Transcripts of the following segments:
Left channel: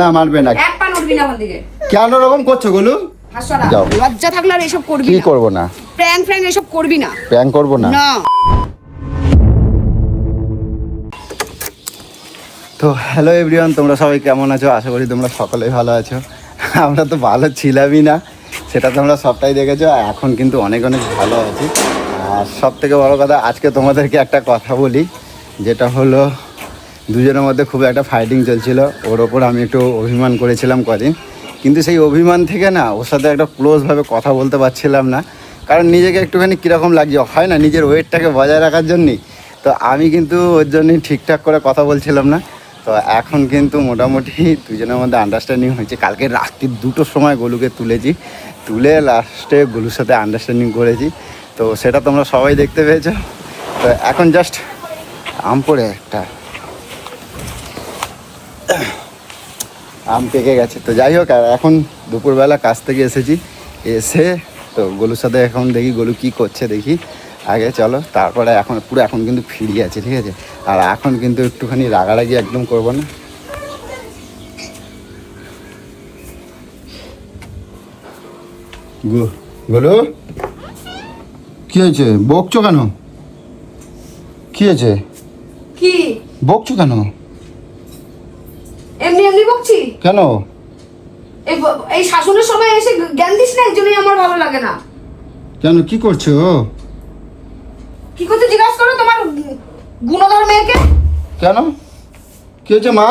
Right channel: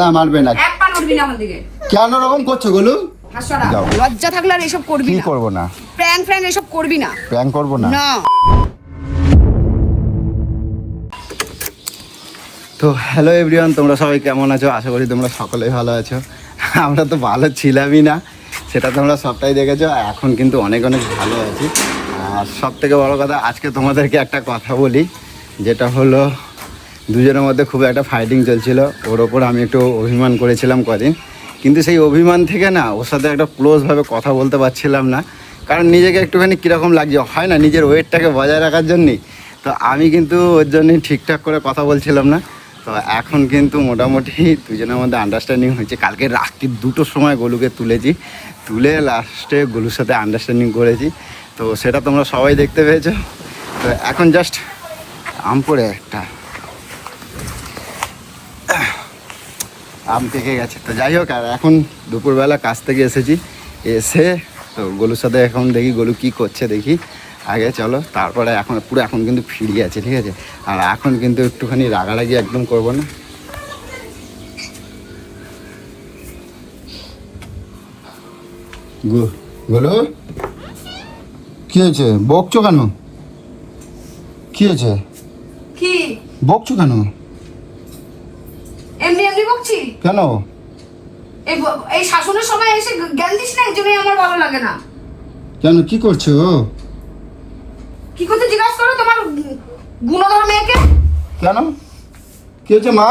না মারবে না। এক পা নড়বি না আমার দিকে। কেন এরকম করছো গোলু? হাসছাড়া। লজ্জা থাকলে আর এসব করবি কি না। করব না? প্র্যাঙ্ক এসব করবি না। প্র্যাঙ্ক করব না। না। তো হ্যালো এভরিওয়ান, তোমরা সবাই কেমন আছো? আশা করি তোমরা সকলেই ভালো আছো। আমরা তো ভালো ছিলামই না, সেটা তোমরা সবটাই দেখেছো। এখন কিন্তু অনেক অনেক ভালো আছি। আর সব থেকে বড়ো কথা, আজকে তোমাদেরকে একটা কথা বলি, যেটা হলো দুজনের মধ্যে খুব একটা ফাইটিং চলছিল। ওর ওপর আমি একটু অভিমান করেছিলাম কদিন, কিন্তু সেই অভিমান থেকে না ওর সাথে একটা ক্লোজভাবে কথা বলতে পারছিলাম না। কারণ নিজেকে একটুখানি কীরকম লাগছে, হয় না, নিজের ওয়েটটাকে বজায় রাখার জন্যই। তো আমি কিন্তু ওর জন্যই ঠিকঠাক করে কথা বলছিলাম না। তো এখন কিন্তু মোটামুটি দুজনের মধ্যে আন্ডারস্ট্যান্ডিং হয়েছে। কালকে রাত্রি 2টোর সময় গোলুকে তুলে লাস্টে গোলুর সাথে আন্ডারস্ট্যান্ডিং করেছি। তো সেটা তোমরা সবাই দেখতে পেয়েছো। তো এখন জাস্ট আম পড়ে একটা আম পেকে গেছে। তো যাই হোক, আর এখন দুপুরবেলা কাজ থেকে এসে তো গোলুর সাথে এখন দেখি গোলু কী করছে দেখি আগে, চলো। তারপরে এখন কিন্তু ফ্রি আছে, ঠিক আছে? আর এখন কিন্তু একটুখানি রাগারাগি একদম করবো না। গোলু কি হয়েছে? বকছো কেন? কি হয়েছে? কি বকছো কেন? এমনি বকছি কেন? এই শাসনের সময় এসে জ্ঞান দিস না, এই জন্যই আমার ভালো লাগে না। কেন, কি করছো? কি করতে জিজ্ঞাসা করো তোমার গুণধর মেয়েকে। কেন, কি হয়েছে মা?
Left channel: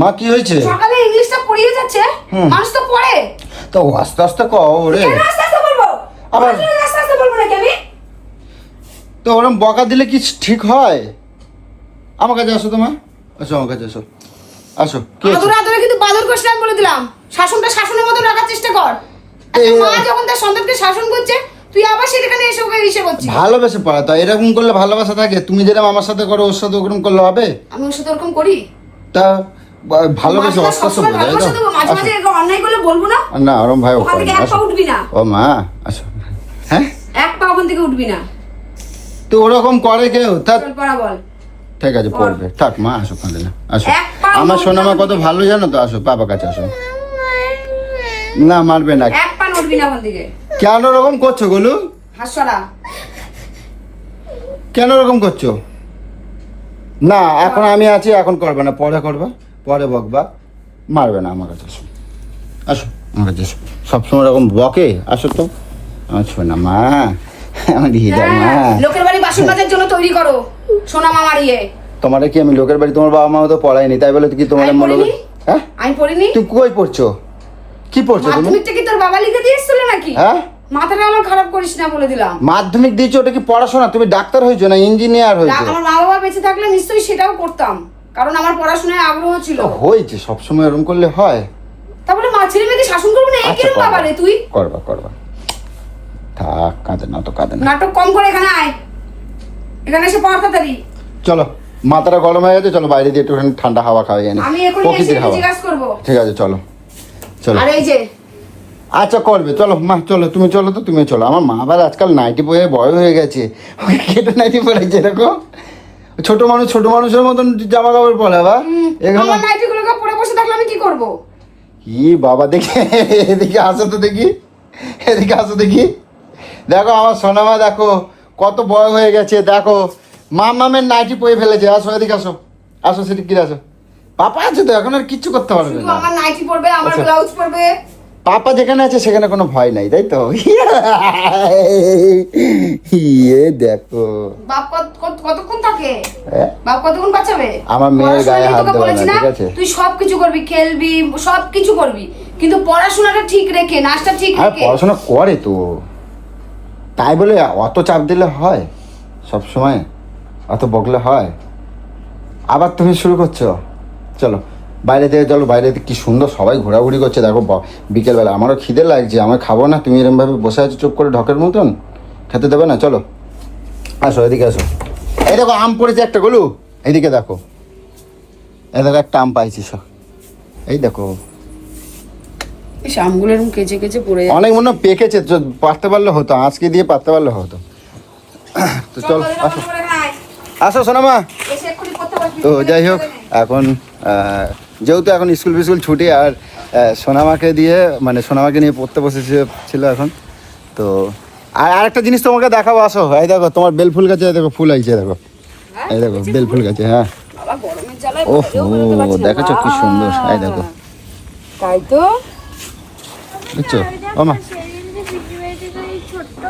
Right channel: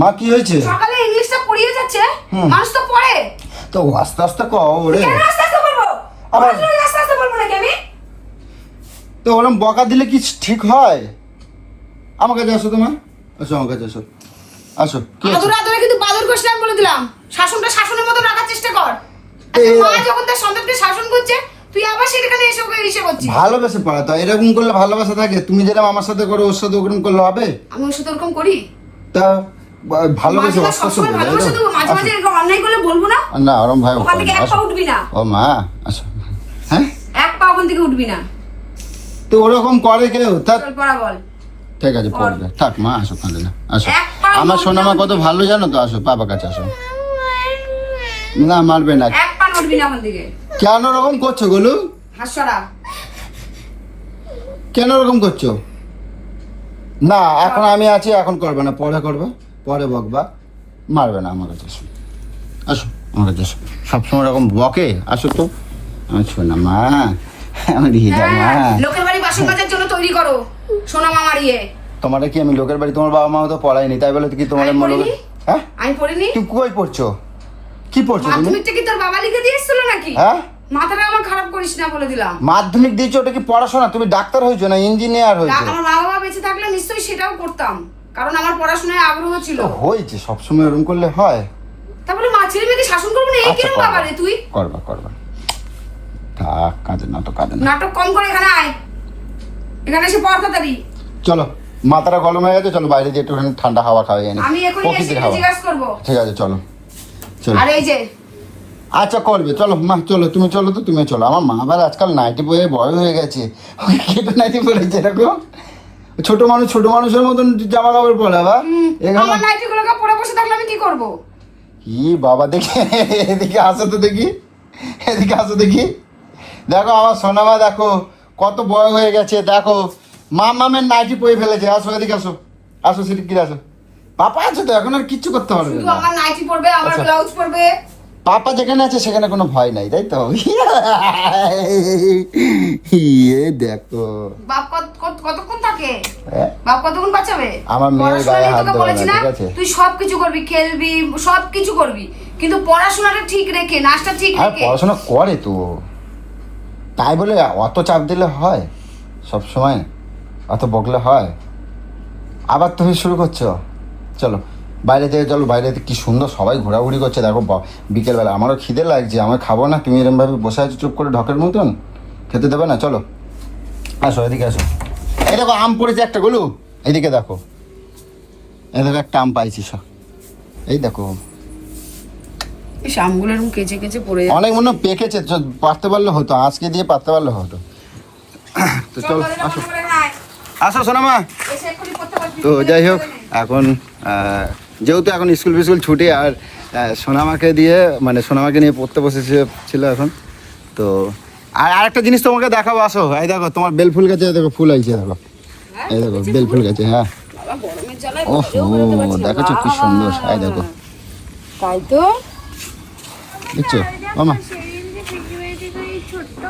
মা কি হয়েছে? সকালে ইংলিশটা পড়িয়ে যাচ্ছে, মানুষ তো পড়ে। তো আস্তে আস্তে ওরে। কেন আস্তে আস্তে বলবো? আস্তে আস্তে বলবো নাকি আমি? তো ওরম বকা দিলে কি ঠিক হয়? আমার কাছে আসো তো মা, আসো আমার কাছে আসো। আদরে কিন্তু বাদর করিস আমি বলে দিলাম। শাসনটা শাসনের মতো রাখার চেষ্টা কর। মা যখন তার সন্তানকে শাসন করছে, তুই আবার সেখানে এসে করছিস। ভালোবাসা পাওয়া, তা এরকম করলে ভালোবাসা থাকে? তুমি যেরকম আমার সাথে করো ওর সাথে ওরকম করলে হবে? আমি ওর সাথে ওরকম করি? তা ভালোবাসা ভালোবাসা দেবো, মাঝে মাঝে এরকম অন্যায় করলে বলবো না? না ওরম ভাই, ওখান থেকে এক পা উঠবি না। ও মা আসো। হ্যাঁ, এক পা ওখান থেকে উঠবি না। তো ওরকম করে কেউ? চল পড়া বল। ঠিক আছে পড়বে, থাক মা, আসো কাঁদে না, আসো। আমার সোনা মা কত ভালো জানো তো, আসো বাবার কাছে আসো। না মারবে না। এক পা নড়বি না ওখান থেকে। কেন এরকম করছো গোলু? হাসছাড়া। কেন এরকম করছো? না এখন আমি আছি, এখন করবে না, পরে করবা, পরে বকবা। মারবে না, আমার কাছে আসো, আসো আমার কাছে আসো। সবসময় এরকম বকে? আসো তো আমার সোনা মা, আমার মা। লোকের বাড়ি বাসন মাজার জন্য তৈরি করো সোনা মা মারিয়ে। তোমার কি আমি লোকের বাড়ি? তোমার বাবা মা তো পড়ায়নি, তাই বলে কি তোমার? আমি পড়িনি। হ্যাঁ আমি পড়িনি। তুই কই পড়ছো? কি পড়ছো? মাধ্যমিকটা কি তোর বাবা লিখে দিয়েছিল নাকি? হ্যাঁ, মাথাটা আমার খারাপ করিস না বলে দিলাম। মাধ্যমিক দিয়েছো, ওটা কি পড়াশোনা? তুমি ডাক্তার হয়েছো না ইঞ্জিনিয়ার হয়েছো? আমার মা বাবা বেঁচে থাকলে নিশ্চয়ই সেটাও করতাম, কারণ আমার পড়াশোনায় আগ্রহ ছিল। হয়েছে, সবসময় এরকম করলে হয়? তারপরে মা ছেলে মেয়েকে শাসন করবো না, এই কিরম বাবা রে তুই? করবা থাক, কাঁদে না তো, কাঁদে না। নাটক কম করে এখানে আয়, এখানে এসে পড় তাড়াতাড়ি। চলো, মাথাটা গরম হয়ে গেছে, চলো বাইরে দিয়ে একটু ঠান্ডা হাওয়া খাওয়া যায় না। আমি এখনই এসে এটা জিজ্ঞাসা করবো। ঠিক আছে চলো চলো। আর এই যে আচ্ছা করবে, চলো মা, চলো তুমি, চলো তো তুমি চলো। আমার মা আবার আজকাল নাইটি পরে বড় হয়ে গেছে, কেটে নাইটি পরেছে এরকম। ছোট মানুষের মতন জামা কাপড় পরে বা। আমার নাইটি গুলোকে পরে বসে থাকলে আমি কি করবো? কি বাবা, দেখি এদিকে আসো তো দেখি, এদিকে আসো দেখি। দেখো আমার সোনা মা, দেখো কত বড় হয়ে গেছে, দেখো মামের নাইটি পরে ফেলেছে। আসো এদিকে আসো, আসো সেদিকে আসো। পাপা আছে তো, এখন আর কিচ্ছু করতে পারবে শুধু না। আমার নাইটি পরবে, আমার ব্লাউজ পরবে। পাপা যেখানে আছে সেখানে কোনো ভয় নাই, তাই তো? দেখো বাপ কতক্ষণ থাকে? বাপ কতক্ষণ বাঁচাবে? আমার পড়াশোনা নিয়ে তোকে বলেছি না, তুই সবকিছু করবি, খেলবি, সবকিছু করবি, কিন্তু পড়াশোনাটা ঠিক রেখে, নাচটা ঠিক রেখে। পড়াশোনা করে তো, তাই বলে অত চাপ দিলে হয়? সব সময় অত বকলে হয়? আবার তুমি শুরু করছো। চলো বাইরে থেকে, চলো বাইরে কি সুন্দর সবাই ঘোরাঘুরি করছে, দেখো বিকেলবেলা। আমারও খিদে লাগছে, আমার খাবো না, তুমি এরকম ভাবে বসে আছো চুপ করে ঢকের মতন, খেতে দেবে না? চলো আসো এদিকে আসো। এই দেখো আম পড়েছে একটা গোলু, এইদিকে দেখো, এই দেখো একটা আম পাইছিস, এই দেখো। এই আমগুলো এরকম কেচে কেচে পড়ে যাচ্ছে। অনেক মনে পেকেছে, পারতে পারলে হতো, আজকে দিয়ে পারতে পারলে হতো। তো চল আসো, আসো সোনামা। তো যাই হোক, এখন যেহেতু এখন স্কুল ফিস্কুল ছুটি আর সোনামাকে দিয়ে মানে সোনামাকে নিয়ে পড়তে বসেছিল এখন তো আর আরেকটা জিনিস তোমাকে দেখাবো, আসো। এই দেখো তোমার বেল ফুল গাছে দেখো ফুল আইছে, দেখো এই দেখো বেল ফুল গাছে। হ্যাঁ বাবা গরমের জ্বালায় ও বাইরেও বেরোতে পারছি না। দেখেছো কি সুন্দর, এই দেখো তাই তো দেখছো ও মা। সেদিন যে পিকনিক বাড়িতে ওই ছোট্ট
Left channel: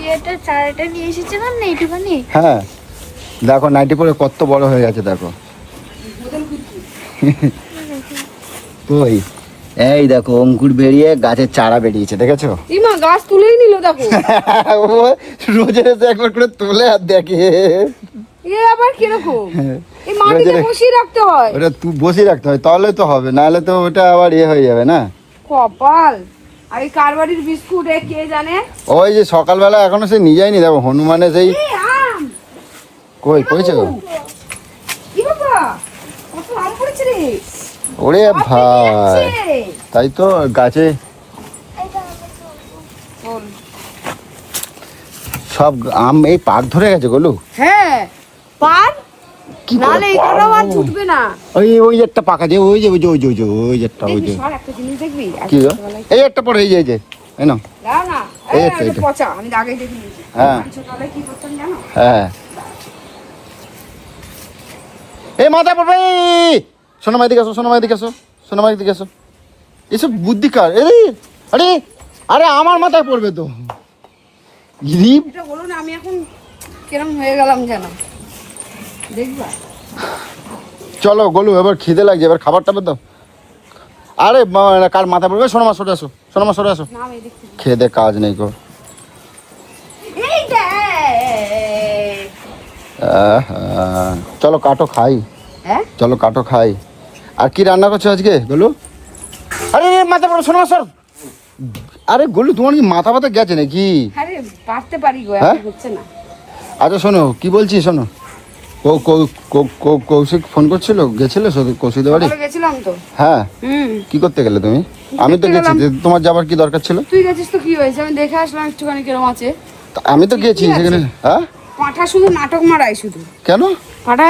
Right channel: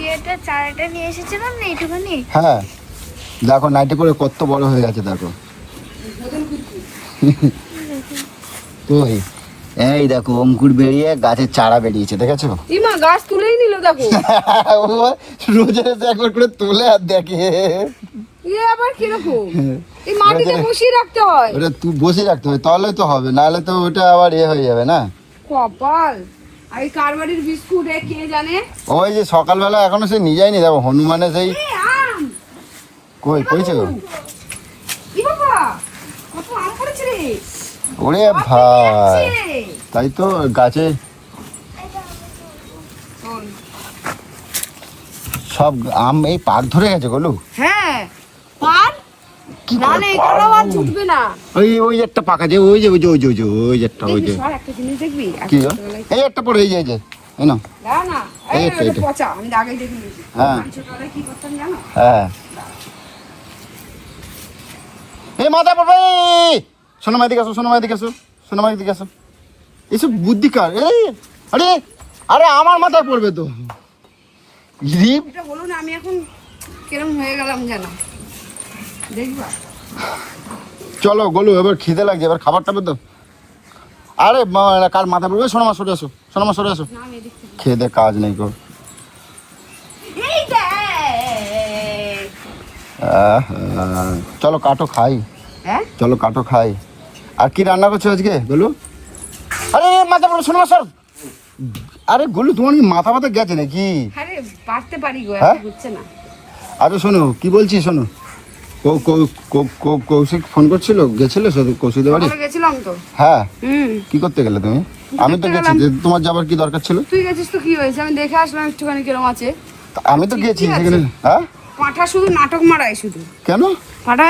ইয়েটা চারাটা নিয়ে এসেছিলাম না এইটুখানি, হ্যাঁ দেখো নাইটি পরে কত বড় হয়ে গেছে দেখো। কই এই দেখো অঙ্কুর বেরিয়ে গাছের চারা বেরিয়েছে, দেখেছো? ইমা গাছ তুলেই নিল দেখো। ও রোজের এসে একবার করে তোলে আর দেখে। এ আবার কিরকম? এই মাটিতে বসিয়ে রাখতে হয়। ওটা তুই বসিয়ে রাখতে হয়, তাহলে তো হবে, নাহলে তো ওটা আবার ইয়ে হয়ে যাবে না। কপাল। আর এই কারবারির বিস্কুট এ কে জানে? ওই যে সকালবেলা এখনো সে নিয়ে যায়নি, দেখো হনুমানে সেই এই আম। কই কইছো? ই বাবা কত আম পড়েছে রে। ওরে সব পেকে ভাই, যাচ্ছে। তাই তো গাছে বল। সব আম এই পাক ধরে গেছে গোলু। হ্যাঁ পার নালে এই কটা আর জুটবে না। ওই একটা পাকা যে ওই যে ওই যে ওই যে ওই যে ওই যে একটা ওই যে দেখবি সর একটা জিনিস দেখবি? কি রে? এই একটা পড়ে এই যে এনো। দাও না। এই এই একটা, একটা এটা। পচা আমি তো আগেই দেখে নিয়েছি। হ্যাঁ। আমি ছোটবেলায় কি করতাম জানো? হ্যাঁ এই মাথা পড়বে। শোনো মাইদিকে আসো, শোনো মাইদিকে আসো, শোনো মাইদিকে আসো। এসব বুদ্ধি কার? আরে আরে আমার মাথায় পড়বে তো। এটা হলো না, আমি এখন কিরম হয়ে গেলাম জানো? দেখবা চলো গোলু এবার খিদে লাগছে, এবার খাবার টাবার দাও। আরে কার মাথা পড়বে? শোনো মা সরে আসো, শোনো মা সরে আসো। না আমি দেখতে খেয়ে দে কাজ নেই গো। এই দেখ। আহা, চলো কাটো খাই, হ্যাঁ চলো কাটো খাই। আর কি রান্না করছো আজকে গোলু? আরে মাথা পড়ো, শোনো শোনো। আরে গোলু তোমার কি মাথা ব্যথা গেছে নাকি? আরে পারতে পারি গো, এখন হ্যাঁ? হচ্ছে না। আচ্ছা শোনো কি বলছি শোনো, কৌশিক ফোন করছিল, গেছিল কৌশিক বাড়ি? সকালে গেছিলাম তো। হ্যাঁ হুম কি করতে গেলে তুমি? আমি তো দেখতে গেছি, গেলাম। তোমার যাবার কি দরকার ছিল? তুই গেছিস তো কি হয়েছে? আমি দেখে আসলাম একটুখানি কিরম আছে। আমি তো ঠিকই গেছি আছে। সেখানে। হ্যাঁ পাঁঠা শুধু নাটক মারায় শুধু। কেন? পাঁঠা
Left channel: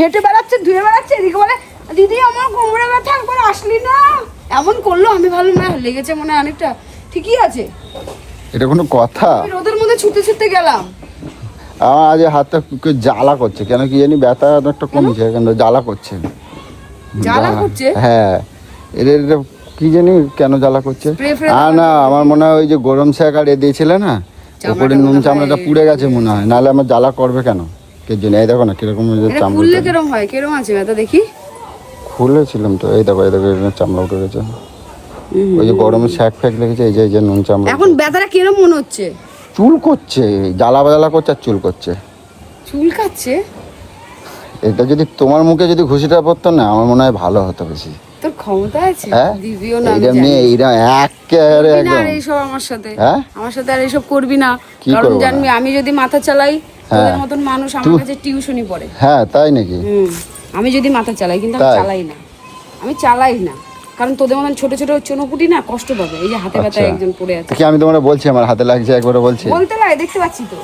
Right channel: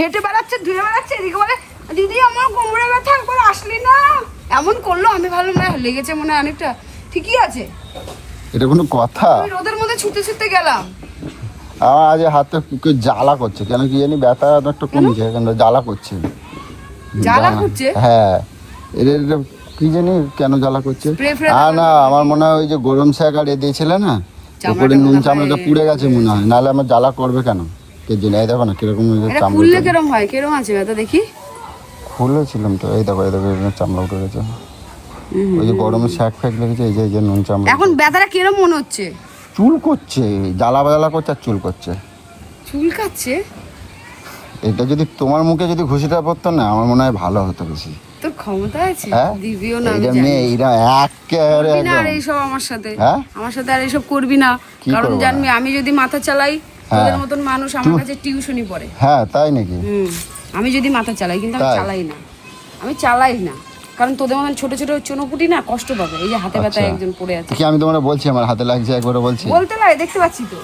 হেঁটে বেড়াচ্ছে, ধুয়ে বেড়াচ্ছে, এদিকে বলে দিদি আমার কোমরে ব্যথা, একবার আসলি না। এমন করলো, আমি ভাবলাম না লেগেছে মনে হয় অনেকটা। ঠিকই আছে। এটা কোনো কথা? আমি রোদের মধ্যে ছুটে ছুটে গেলাম। আমার আজ হাতটা জ্বালা করছে, কেন কি জানি, ব্যথা অনেকটা কমেছে কিন্তু জ্বালা করছে। জ্বালা করছে? হ্যাঁ এটা কি জানি কেন জ্বালা করছে। Spray ফ্রে না না আমার মনে হয় ওই যে গরম শাক আর দিয়েছিলে না, চামড়াটা ওপরে নুন মনে হয় চামড়াটা পুড়ে গেছে মনে হয়, নাহলে আমার জ্বালা করবে কেন? কে জন্য এই দেখো না কিরকম এটা খুললে কিরম হয়? কিরম আছে ব্যথা দেখি? খুলেছিলাম তো, এই দেখো এর চামড়া উঠে গেছে। ওই যে গরমের শাক ফ্যাক লেগেছে, এই যে নুন চামড়া। এখন ব্যথাটা কিরম মনে হচ্ছে? চুল করছে, জ্বালা বাজালা করছে আর চুল করছে। চুল কাচ্ছে? এটা যদি তোমার মুখে যদি ঘুষিটা পড়তো না, আমার মনে হয় ভালো হতো বেশি। তোর ক্ষমতা আছে? হ্যাঁ? দিবিও না আমি এইটা জানি। নিয়ে এইরা একেবারে করবি না আর একদম। এইসব আমার সাথে। হ্যাঁ? আমার সাথে আর এইসব করবি না। কি কারণ করবো জানবি আমি যদি মাথা চালাই, তোদের মতন মানুষ আমার কাছে টিউশনি পড়ে। হ্যাঁ তাই নাকি? আমি যদি মাথা চালাই, কিন্তু আমি তাই? চালাই না। আমি চালাই না কারণ তোদের মতন ছোট ছোট চনোপুটি না কষ্ট পাবে। এই যে হাতে ব্যথায় আচ্ছা। একজন পড়ে আছে। কি আমি তোমার বলছি আমার হাতে লাগছে, একবারে বলছি। বলতে লাগে, দেখতে পাচ্ছি তো।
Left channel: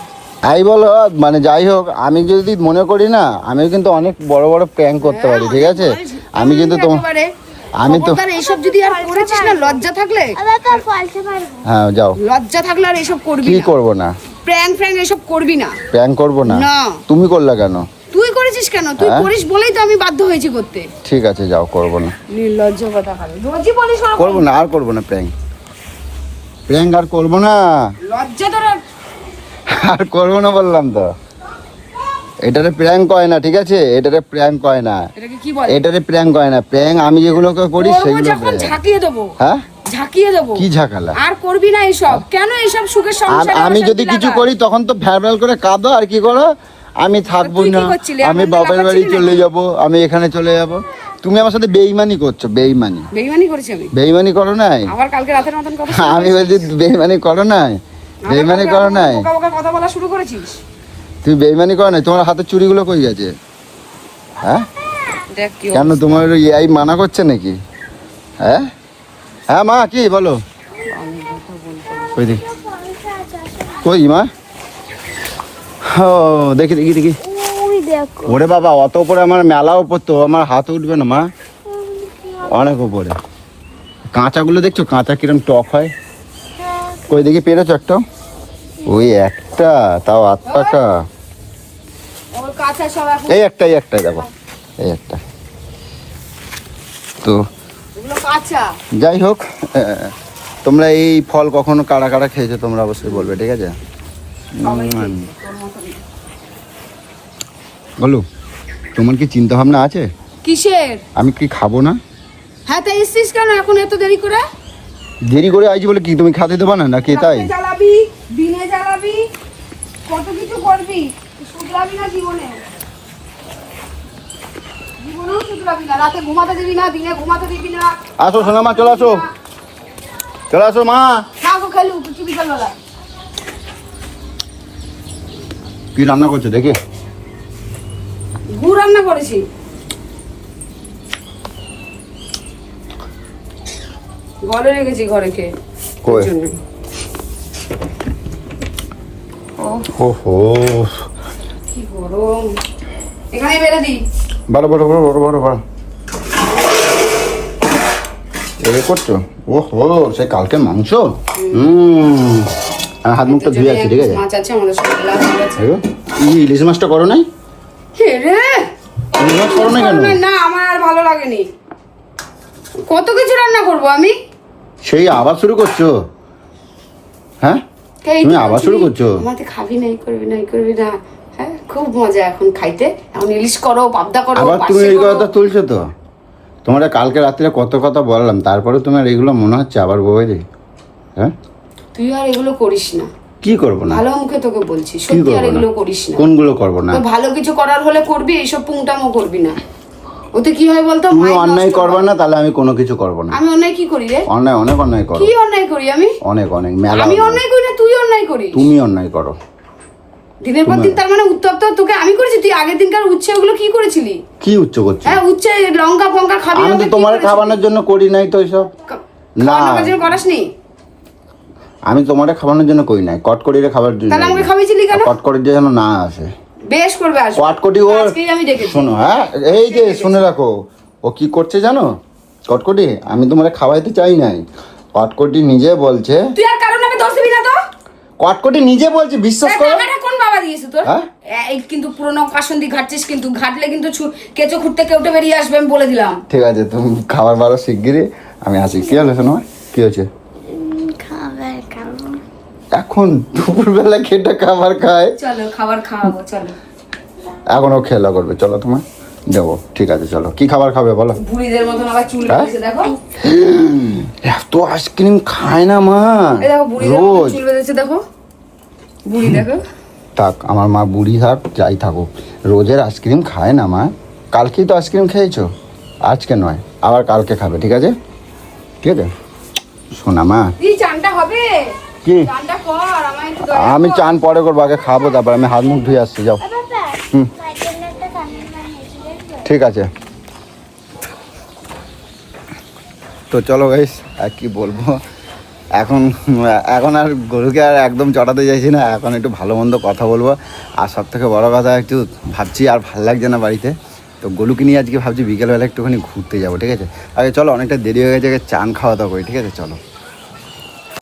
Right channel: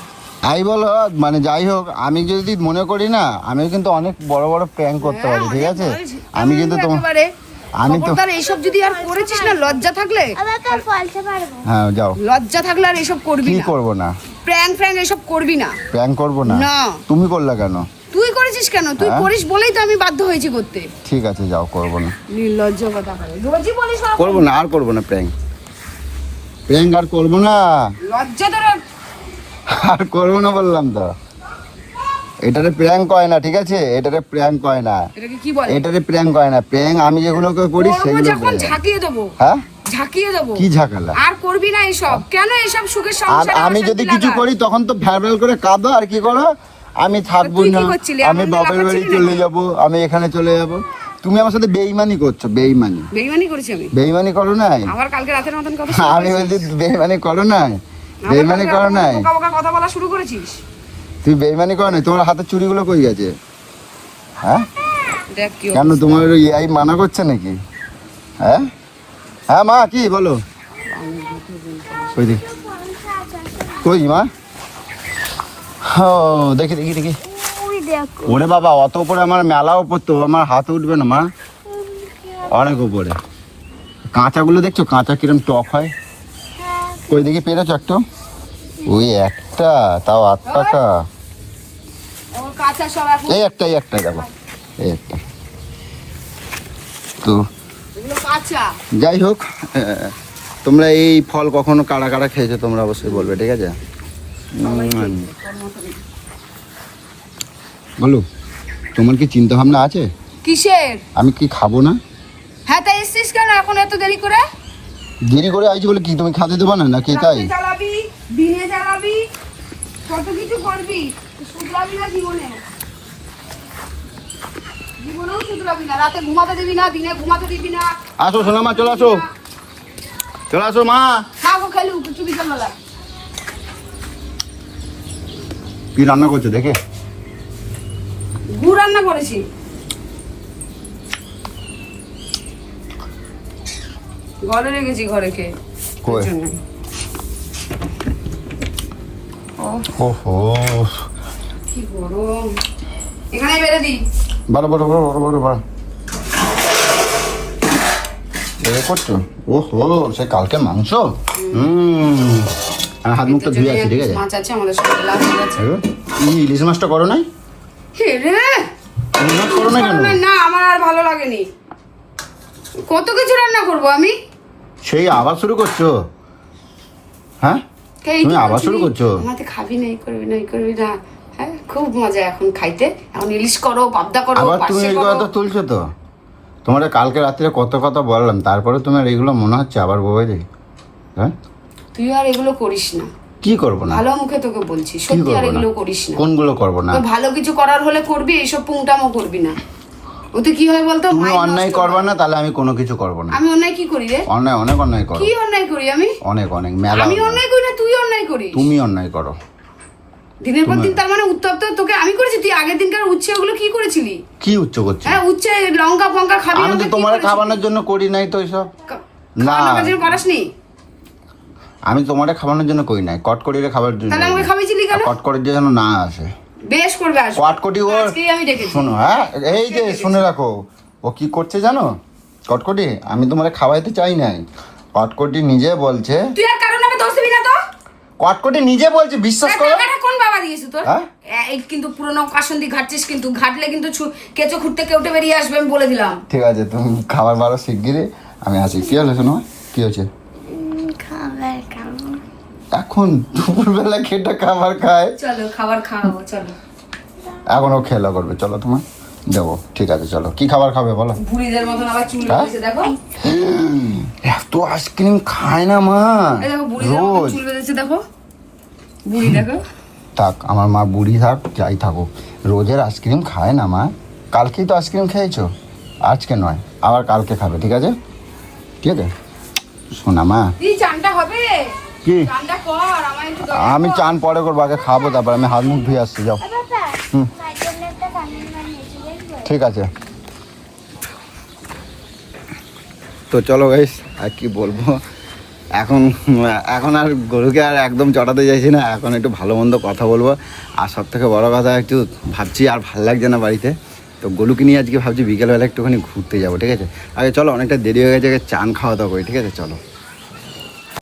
আই বলো মানে যাই হোক, আমি যদি মনে করি না, আমি কিন্তু অনেক বড় বড় প্র্যাঙ্ক করতে পারি, ঠিক আছে? আমি কিন্তু একেবারে আমি তো খবরদার এইসব যদি আর করেছিস না, লজ্জা থাকলে, আবার তো ফলতে পারবো। হ্যাঁ যাও। লজ্জা থাকলে আর এইসব করবি কি না। করবো না? প্র্যাঙ্ক ফ্র্যাঙ্ক এইসব করবি না। প্র্যাঙ্ক করবো না? না। তুমি করলে কেন? তুই করেছিস কেন? তুই হ্যাঁ? করিস বলেই তো আমি বাধ্য হয়েছি করতে। ঠিক আছে যাও, করবো না। নির্লজ্জ কথা বলে। রোজই বলিস ওরকম। করবো না, আর করবো না প্র্যাঙ্ক। প্র্যাঙ্ক আর করবো না, লজ্জা তোর। আর করবো না বললাম তো। এটারে প্র্যাঙ্ক হয় না, ঠিক আছে? এটারে প্র্যাঙ্ক হয় না, এটাকে কি বলে? এটারে প্র্যাঙ্ক হয় না। প্র্যাঙ্ক আমি যেগুলো করি করবো সেগুলো যখন prank। ঝাঁকিয়ে দেবো। হ্যাঁ ঝাঁকিয়ে দেবো। কি ঝাঁকালা? আর করবি না এইসব। কেন এইসব সুখের সংসারে আমি যদি অশান্তি কিছু লাগাস? করি তখন তো ভ্যালভ্যাল করে কাঁদো আর কি করো। আমি থাকবো তুই না, কি করছিলি? আমি আমাদের বাপের বাড়ি লাফাচ্ছিলি চলে নাকি? যাব, আমি এখানে চলে যাব। তুমি আমার সাথে বেইমানি করছো, বেইমানি। বেইমানি করেছি আমি। বেইমানি করো নাই? আবার কালকে রাতের মতন কথা শুরু আমি করেছিস। বলছি বেইমানি করো নাই? আবার বেইমানি কালকে করো রাতের নাই? মতন বোকা বোকা কথা বলা শুরু করেছিস। তুমি বেইমানি করো নাই? তোমার হাতে চুড়িগুলো কই গেছে? হ্যাঁ দেখ কি কেন অবস্থা। তোমার এই মানা করছে নাকি? হ্যাঁ হ্যাঁ মা কি বলো? কই দেখি, কই মা? ও দেখি দেখি দেখি। ওই দেখো ওরে বাবা, অত উপরে আমার মেলা উপর তো, আমার হাতে উঠবে না মা, অনেক উপরে। কাঁচাগুলো দেখছো, কাঁচা কিরম টক হয়। হ্যাঁ কই দেখি পেরেছো একটা? ওই একটা, তাও 8 টাকা। ওর কাছে সব এখন এই একটা দেখো, এই একটা। তো ওগুলো কাঁচা। যাই হোক, তোমরা এই ফল কখনো কারা কারা খেয়েছো তোমরা অবশ্যই বলবে, ঠিক আছে? বলো, তোমার কি চিন্তা ভাবনা আছে কিসের? আমি কি খাবো না? হ্যাঁ, তাই এসছিস কেন এখন এত দেরি করে? দেরি করে আইছি বলে কি তুমি খেতে দেবে না নাকি তাই? রাতে জ্বালাবি, দিনে জ্বালাবি, কত কিছু করবি, শুধরাবি না জীবনে। জীবনেও শুধরাবি না, রাতে ঘুমাতে দিবি না, দিনে ঘুমাতে দিবি না। আসো সোনা মা, চলে আসো, চলে আসো মা। না গো, খেলু কিছু বিকালবেলা। কি রান্না করছো দেখি? গুড় রান্না করেছি। ঘরে রেখেছি, ঘরে কে কই? ওহো, কি গরম, এখানে বেড়ে দি। বড় বড় বড় বড় বড় বড় এই করছো? ওহো, সে কালকের মাংস। হাত মুখটা ধুয়ে আছি, ঠিক আছে? মাছ আছে আমাদের সঙ্গে আছে। তুমি ইলিশ মাছটা করো নাই? হে রে, ইলিশ মাছ করো না কেন? না আমার আর ভালো লাগেনি। কত কিছু রান্না করব আমি। সেই আবার শুরু করছো? হ্যাঁ, এই তুমি তো আবার বলছিলি, শুরু করছো? আমাকে খাবি না, এই করবি না, এই করবি না। হ্যাঁ, খুব মজা এখন খাইতে। এখন ইলিশ করো, পাবদা করো, আবার তুমি পার্শে এই করো। কথা তুলছো তো? তোমরা কালকে রাত্রে কত কথা বললাম, তারপরে তোমার এগুলো মনে হচ্ছে আবার বউয়েরই? হ্যাঁ, তুই আর এগুলো করিস না, কি করবো না? ভালো মুখে তোকে বলছি, সত্যি আর করবো না? এগুলো করিস না। কোনগুলো করবো না? তো ভালো কিছু করার হলে করবি, এইসব পুংটামো করবি না। ওতে কি হয় বলতো, তুমি মাইন্ড অন্যায় নষ্ট করবে হয়। না, তাহলে আমি কোনো কিছু করবো না। আমি অন্যায় কি করি রে? অন্যায়, অনেক অন্যায় করো, কি অন্যায় করি আমি? অনেক অনেক মেলা আমি অন্যায়। অন্যায় করি না, তুই অন্যায় করিস। তুমি অন্যায় করো। দিনের পর দিন, তার মানে উত্তপ্ত তোকে আমি করেছি। তুই আগের দিনকার উচ্ছে ওগুলো কি করেছিলি? কি উচ্চ করছো? হ্যাঁ, উচ্ছে লঙ্কা ফঙ্কা খাবি আমি আমাকে তো কি তোমার করেছিলি? খাওয়ানোর জন্য করি নাই তো এইসব। খাওয়ানোর জন্য করাসনি? আমি তোমার খাওয়ানোর জন্য করি নাই, কটকটিরে খাবার জন্য। তাহলে আমাকে খাওয়াইছিলি কেন? কটকটি যেন না আসে। বেশ করবে, আসবে। কটকটি ও আজকেই আমি ডেকেছি। শোনো, হ্যাঁ এই যে শুনে রাখো, ও কি করছে জানো? কটকটি আমি তোমার খাওয়াইতে চাই নাই, কটকটি নিজে বলছে। তুই আর কারণ আমি দোষ দিবি না তো। কটকটি নিজে বলছে, বিশ্বাস তা করো। টাকাটা কোন বাবা দিয়েছে তোর? হ্যাঁ? এই কিন্তু পুরোনো কাসন্দি ঘাটছিস, কিন্তু ঘাটলে কিন্তু কেঁচো খুঁড়তে কেউটে বেরিয়ে আসবে, আমি বলে দিলাম। ঠিক আছে, তুমি খাবার বারো শিগগিরই, আমি আসি। কি হলো শোনো, কি হয়েছে? খাবার খাবো এখন দুপুরবেলা খেটে খাবার খায়, চলো খাবার খাওয়াবো, চলো। এখনো খেলা করবে, চলো তোমার দেবো। ঠিক আছে চলো, কি খাবার খাবে বলো? বুড়িদের মতন আবার চুল হ্যাঁ? বেঁধেছে, দেখো। এত আইসক্রিম খায় না মা। এই দেখো বুড়িদের মতন রোজ। চুল বেঁধেছে, দেখো বুড়ি, দেখো। থাক, আমার মা বুড়ি থাক যাই থাকুক, রোজের আইসক্রিম খায় না মা। কালকেই তো আইসক্রিম খেয়েছো, আজকে নয়, আবার কালকে খাবে, ঠিক আছে? ঠিক আছে শোনা মা। এই চানটা হবে, কি? চানটা কর, আমার একটু দয়া আমি কর। চান পরে করবো, আগে খাবো, তারপর আমি হাত মুখ ধুয়ে আসছি, যাও। হুম, ঠিক আছে। তো চলো গাইস, আর কি বলবো, এখন এখন আর গরুকে আর একদম চটাতে চাইছি না, এখন একটু ভালো মন্দ কথা বলবো। আর সব থেকে বড়ো কথা, একটু ভাবছি আর ভাল লাগছে না বাড়িতে, তো গরুকে নিয়ে আজকে ভাবছি বিকেলবেলা একটুখানি ঘুরতে যাবো, ঠিক আছে? আগে চলো, অনেকটা দেরি হয়ে গেছে, আগে চান খাওয়া দাওয়া করি, ঠিক আছে? চলো।